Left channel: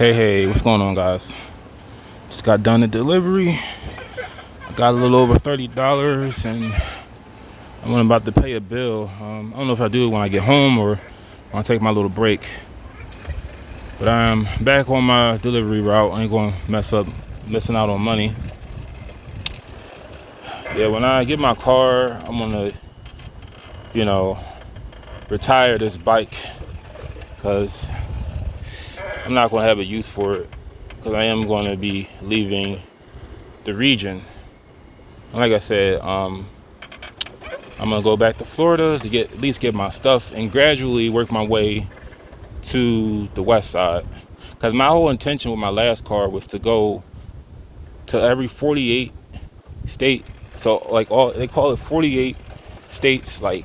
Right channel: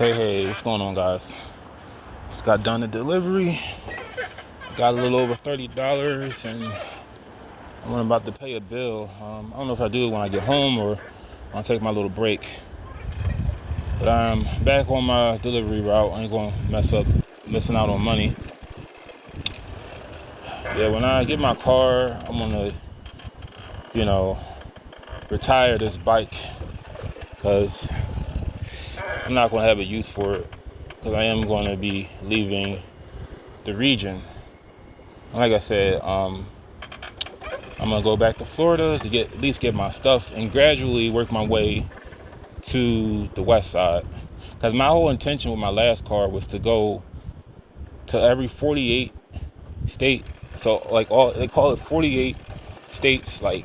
Hey, what's going on, guys? Just got done the delivery. I got a little over $30, and I'm about to pay a bill. I don't know if I do it when I get home or when I take my little break. But I'm back on my delivery route. I ain't going to missing out on money. Yeah, when I get my car, I'm going to, retire this bike because I'm not going to have a use for it, because I am going to be leaving the region. And like I said, I'm going to go back to Florida to at least get my stuff and gradually work my way to the west side. Because my whole intention with my last car was to go to every 48 state. So they call it 48 states, they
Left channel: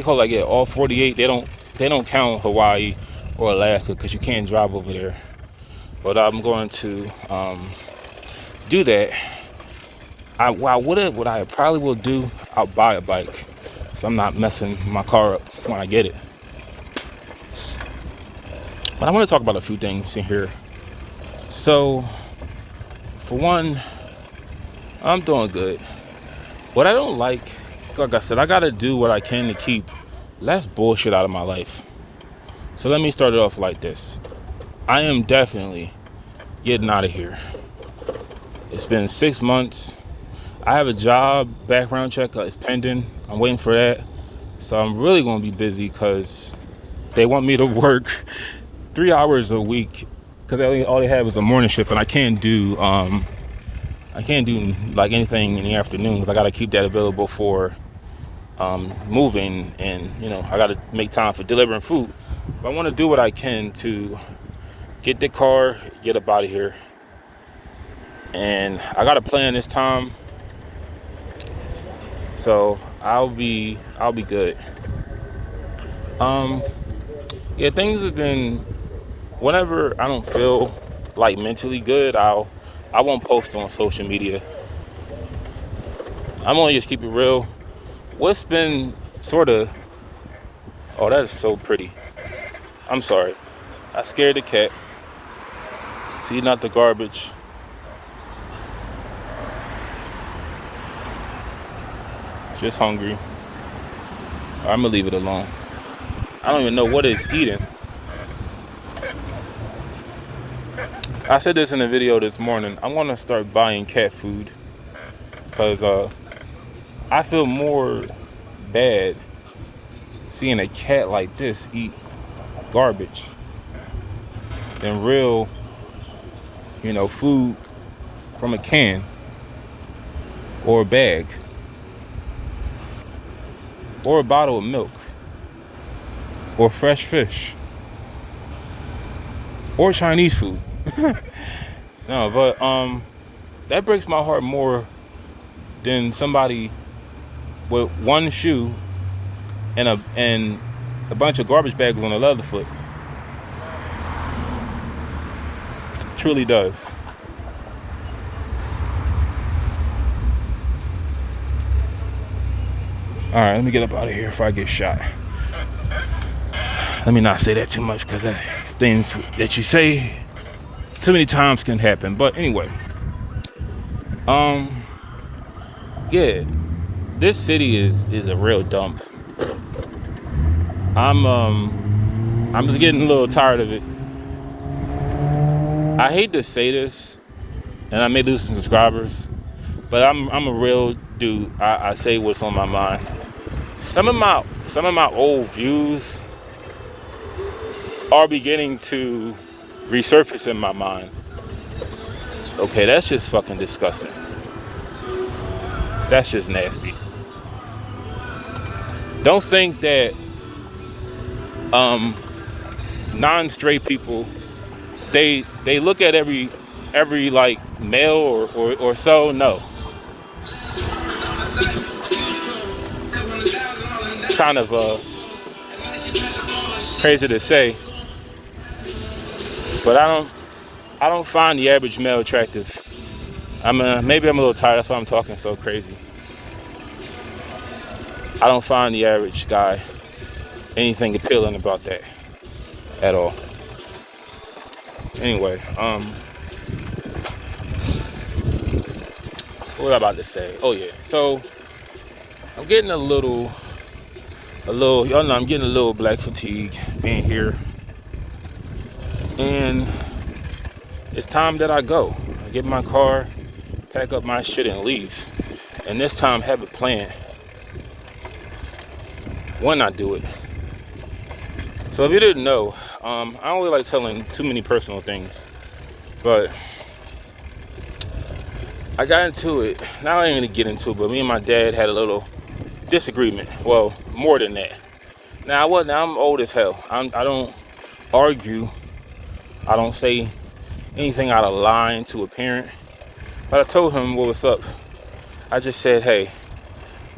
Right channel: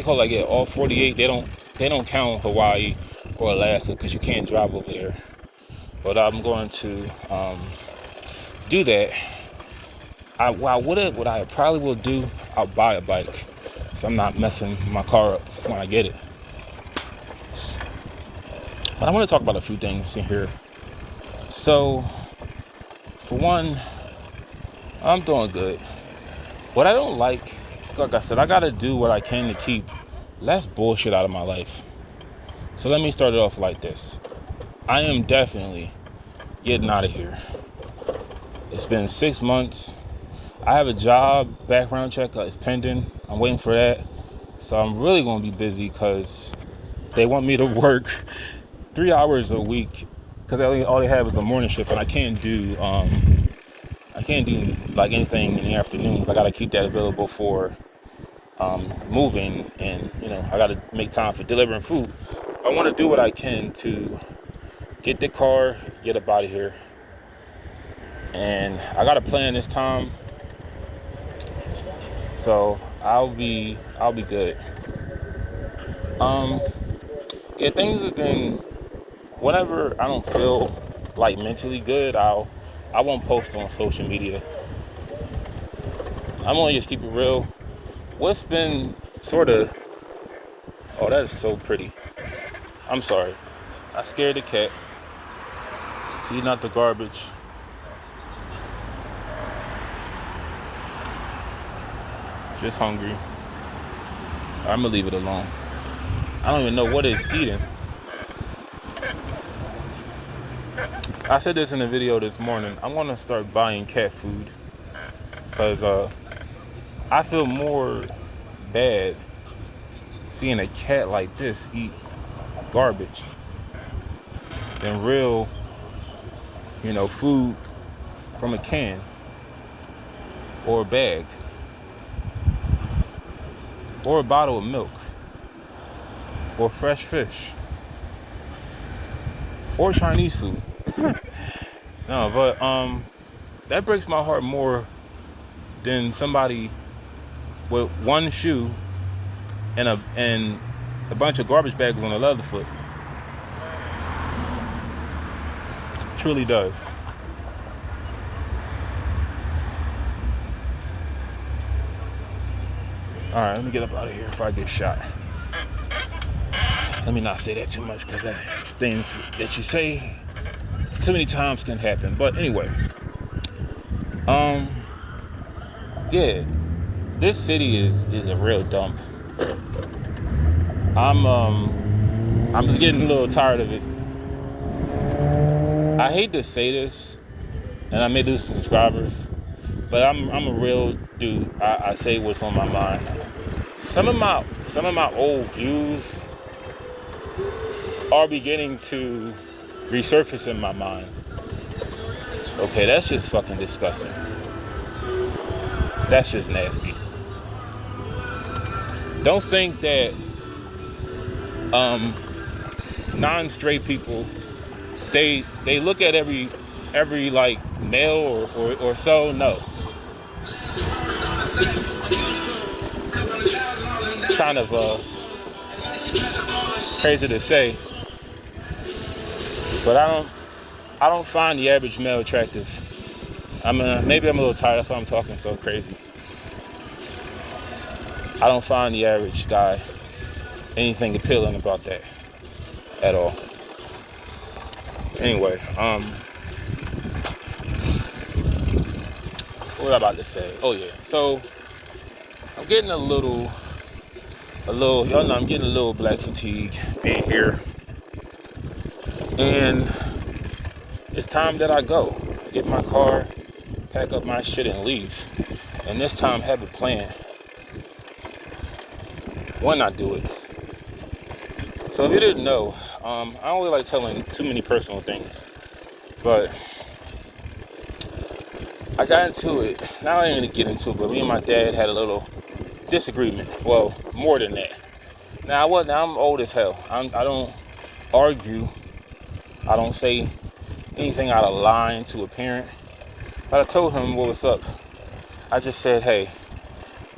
call it all 48. They don't count Hawaii or Alaska because you can't drive over there. But I'm going to do that. What I probably will do, I'll buy a bike, so I'm not messing my car up when I get it. But I want to talk about a few things in here. So, for one, I'm doing good. What I don't like I said, I got to do what I can to keep less bullshit out of my life. So let me start it off like this. I am definitely getting out of here. It's been 6 months. I have a job, background check is pending. I'm waiting for that. So I'm really going to be busy because they want me to work 3 hours a week, because all they have is a morning shift, and I can't do like anything in the afternoons. I got to keep that available for moving, and I got to make time for delivering food. I want to do what I can to get the car, get up out of here, and I got a plan this time, so I'll be good. Yeah, things have been, whenever I don't feel like mentally good, I won't post on social media. I'm gonna just keep it real. What's been sort of, oh, that is so pretty. I'm sorry, I scared the cat. See, not the garbage. Just hungry. I'm gonna leave it alone. I don't even know what it's eating. I said this in a video this morning. I'm gonna start buying cat food, because I feel more bad seeing a cat like this eat garbage than real, food from a can or a bag or a bottle of milk or fresh fish or Chinese food. No, but that breaks my heart more than somebody with one shoe and a bunch of garbage bags on the other foot. It truly does. All right, let me get up out of here before I get shot. Let me not say that too much, because things that you say too many times can happen. But anyway, yeah, this city is a real dump. I'm just getting a little tired of it. I hate to say this, and I may lose some subscribers, but I'm a real dude. I say what's on my mind. Some of my old views are beginning to resurface in my mind. Okay, that's just fucking disgusting. That's just nasty. Don't think that non-straight people, they look at every like male or so. No. Kind of crazy to say, but I don't find the average male attractive. Maybe I'm a little tired, that's why I'm talking so crazy. I don't find the average guy anything appealing about that at all. Anyway, what was I about to say? Oh yeah, so I'm getting a little, y'all know I'm getting a little black fatigue in here, and it's time that I go. Get in my car, pack up my shit, and leave. And this time, have a plan when I do it. So if you didn't know, I don't really like telling too many personal things, but I got into it. Now I ain't gonna get into it, but me and my dad had a little disagreement. Well, more than that. Now I'm old as hell. I don't argue. I don't say anything out of line to a parent. But I told him what was up. I just said, hey,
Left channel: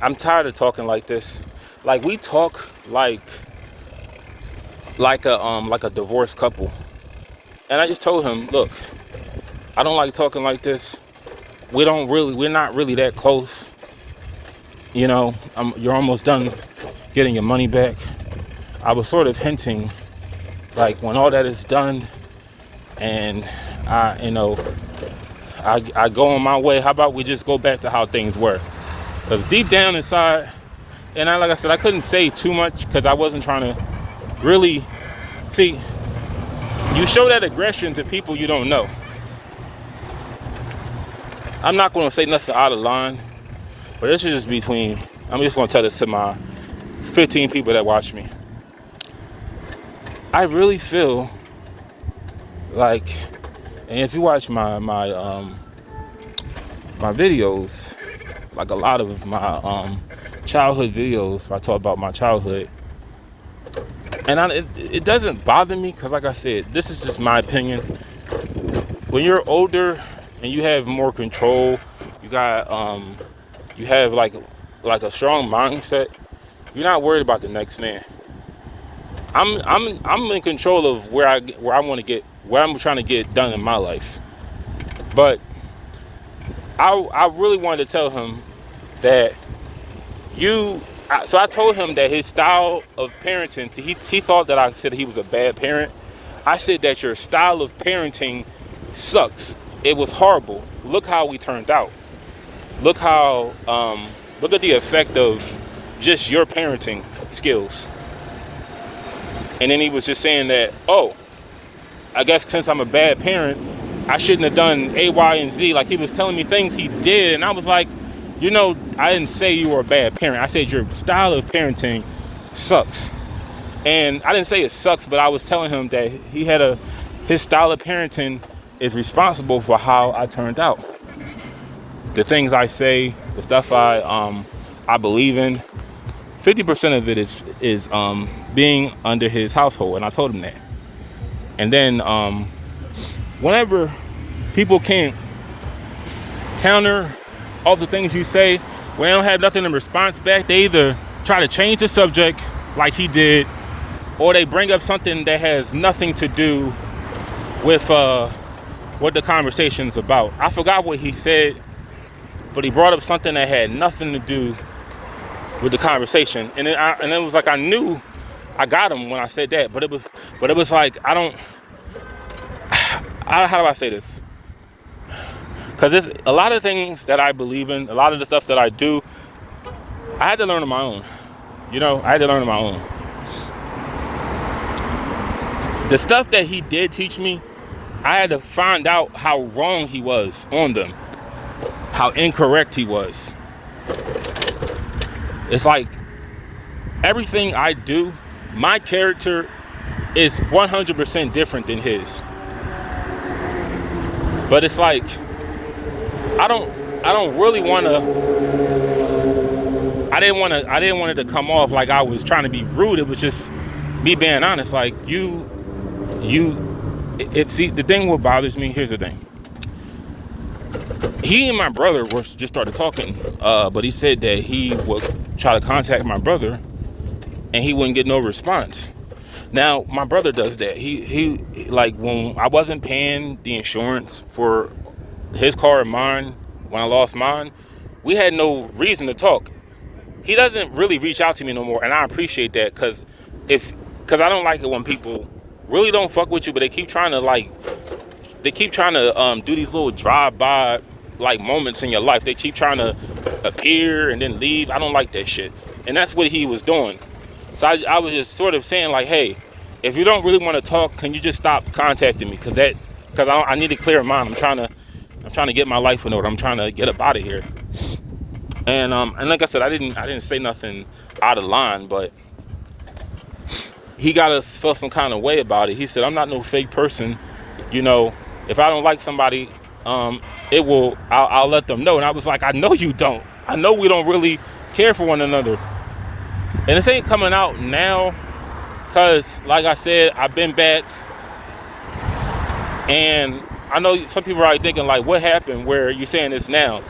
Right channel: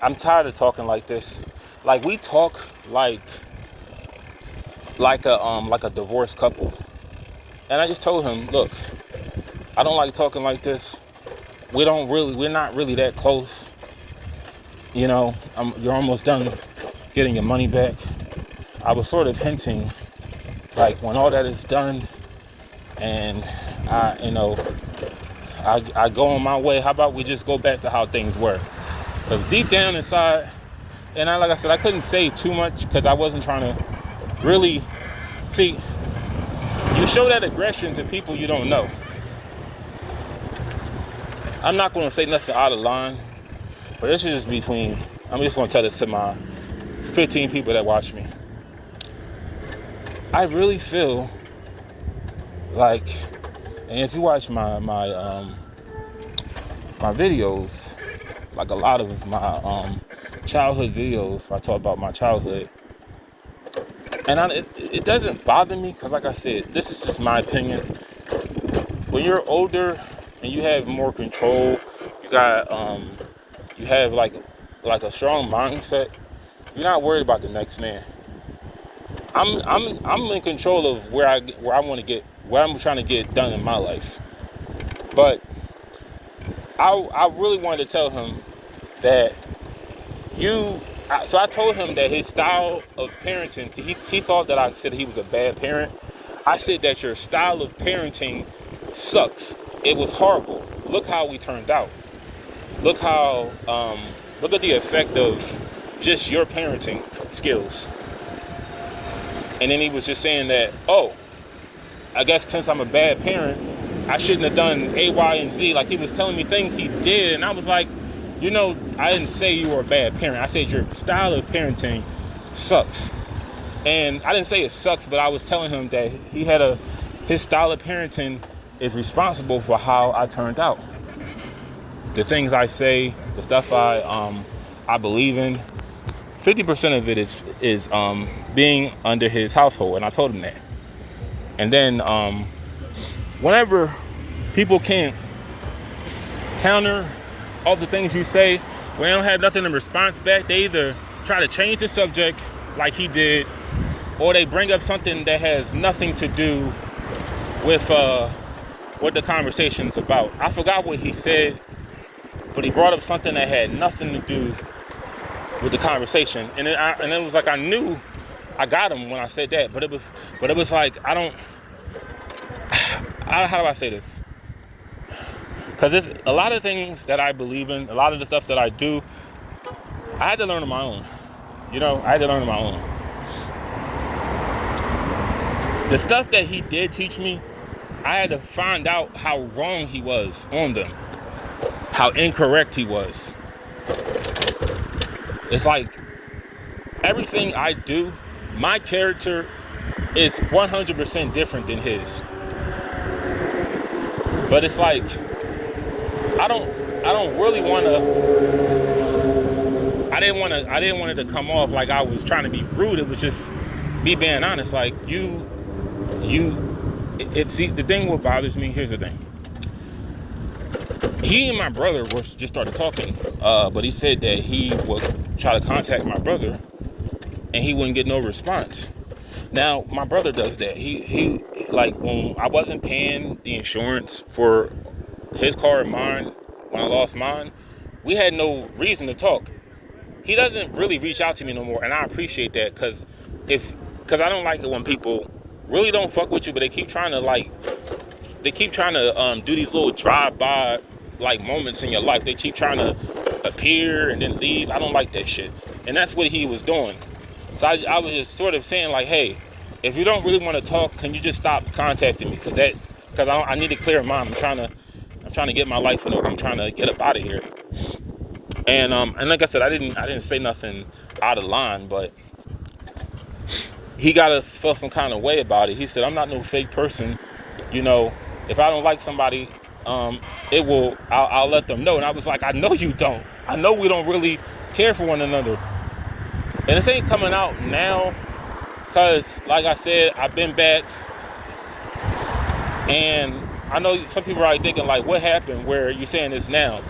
I'm tired of talking like this. Like we talk like a divorced couple. And I just told him, look, I don't like talking like this. We're not really that close. You know, you're almost done getting your money back. I was sort of hinting, like when all that is done and I go on my way, how about we just go back to how things were? Because deep down inside, and like I said, I couldn't say too much because I wasn't trying to really, see, you show that aggression to people you don't know. I'm not going to say nothing out of line, but this is just I'm just going to tell this to my 15 people that watch me. I really feel like, and if you watch my videos, like a lot of my childhood videos, I talk about my childhood, and it doesn't bother me because, like I said, this is just my opinion. When you're older and you have more control, you have like a strong mindset. You're not worried about the next man. I'm in control of where I want to get, where I'm trying to get done in my life. But I really wanted to tell him that so I told him that his style of parenting, he thought that I said he was a bad parent. I said that your style of parenting sucks. It was horrible. Look how we turned out. Look at the effect of just your parenting skills. And then he was just saying that, oh, I guess since I'm a bad parent, I shouldn't have done A, Y, and Z. Like he was telling me things he did. And I was like, I didn't say you were a bad parent. I said your style of parenting sucks. And I didn't say it sucks, but I was telling him that his style of parenting is responsible for how I turned out. The things I say, the stuff I believe in, 50% of it is being under his household, and I told him that. And then whenever people can't counter all the things you say, when they don't have nothing in response back, they either try to change the subject like he did, or they bring up something that has nothing to do with what the conversation's about. I forgot what he said, but he brought up something that had nothing to do with the conversation, and it was like I knew I got him when I said that, but it was like how do I say this? Because there's a lot of things that I believe in, a lot of the stuff that I do, I had to learn on my own. I had to learn on my own. The stuff that he did teach me, I had to find out how wrong he was on them, how incorrect he was. It's like everything I do, my character is 100% different than his. But it's like I don't really want to. I didn't want it to come off like I was trying to be rude. It was just me being honest. Like see, the thing what bothers me. Here's the thing. He and my brother just started talking, but he said that he would try to contact my brother, and he wouldn't get no response. Now my brother does that. He like when I wasn't paying the insurance for his car and mine when I lost mine, we had no reason to talk. He doesn't really reach out to me no more, and I appreciate that because I don't like it when people really don't fuck with you, but they keep trying to do these little drive-by like moments in your life. They keep trying to appear and then leave. I don't like that shit. And that's what he was doing. So I was just sort of saying like, hey, if you don't really want to talk, can you just stop contacting me? Because I need a clear mind. I'm trying to get my life in order. I'm trying to get up out of here. And like I said, I didn't say nothing out of line, but he got us feel some kind of way about it. He said, I'm not no fake person. You know, if I don't like somebody, I'll let them know. And I was like, I know you don't. I know we don't really care for one another. And this ain't coming out now because, like I said, I've been back. And I know some people are thinking, like, what happened where you're saying this now?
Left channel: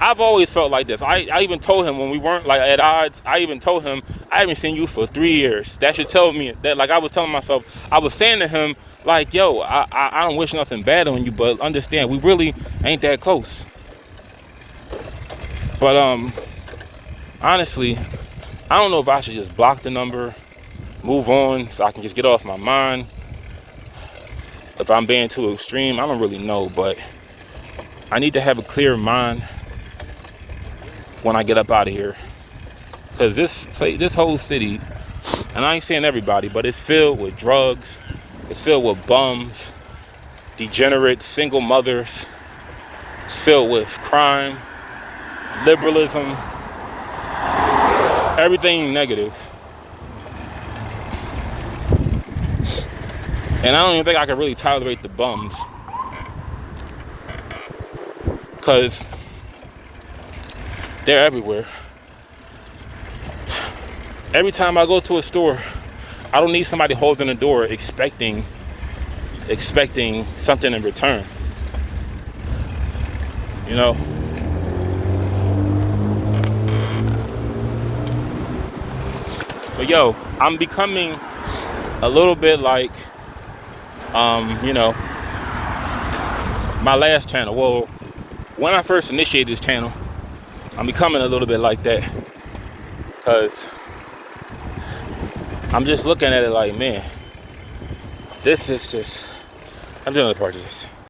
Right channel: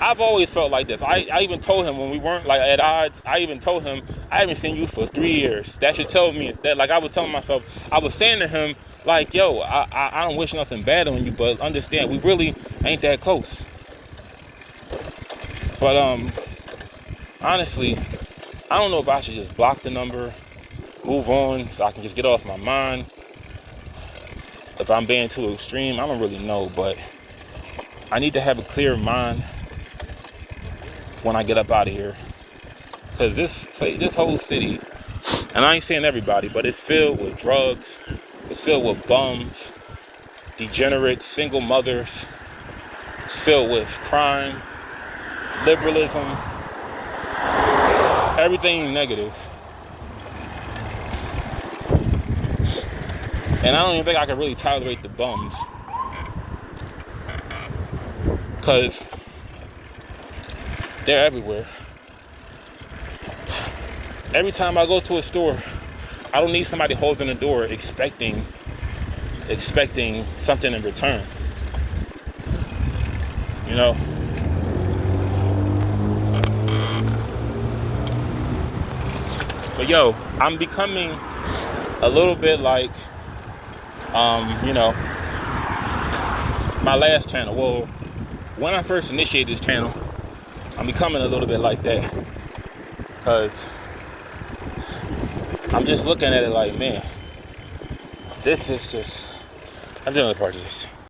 I've always felt like this. I even told him when we weren't like at odds, I even told him, I haven't seen you for 3 years. That should tell me that, like I was telling myself, I was saying to him, like, yo, I don't wish nothing bad on you, but understand, we really ain't that close. But honestly, I don't know if I should just block the number, move on so I can just get off my mind. If I'm being too extreme, I don't really know, but I need to have a clear mind when I get up out of here, because this whole city, and I ain't saying everybody, but it's filled with drugs, it's filled with bums, degenerates, single mothers, it's filled with crime, liberalism, everything negative. And I don't even think I can really tolerate the bums, because they're everywhere. Every time I go to a store, I don't need somebody holding the door expecting something in return. You know? But yo, I'm becoming a little bit like, you know, my last channel. Well, when I first initiated this channel, I'm becoming a little bit like that, because I'm just looking at it like, man, this is just, I'm doing another part of this.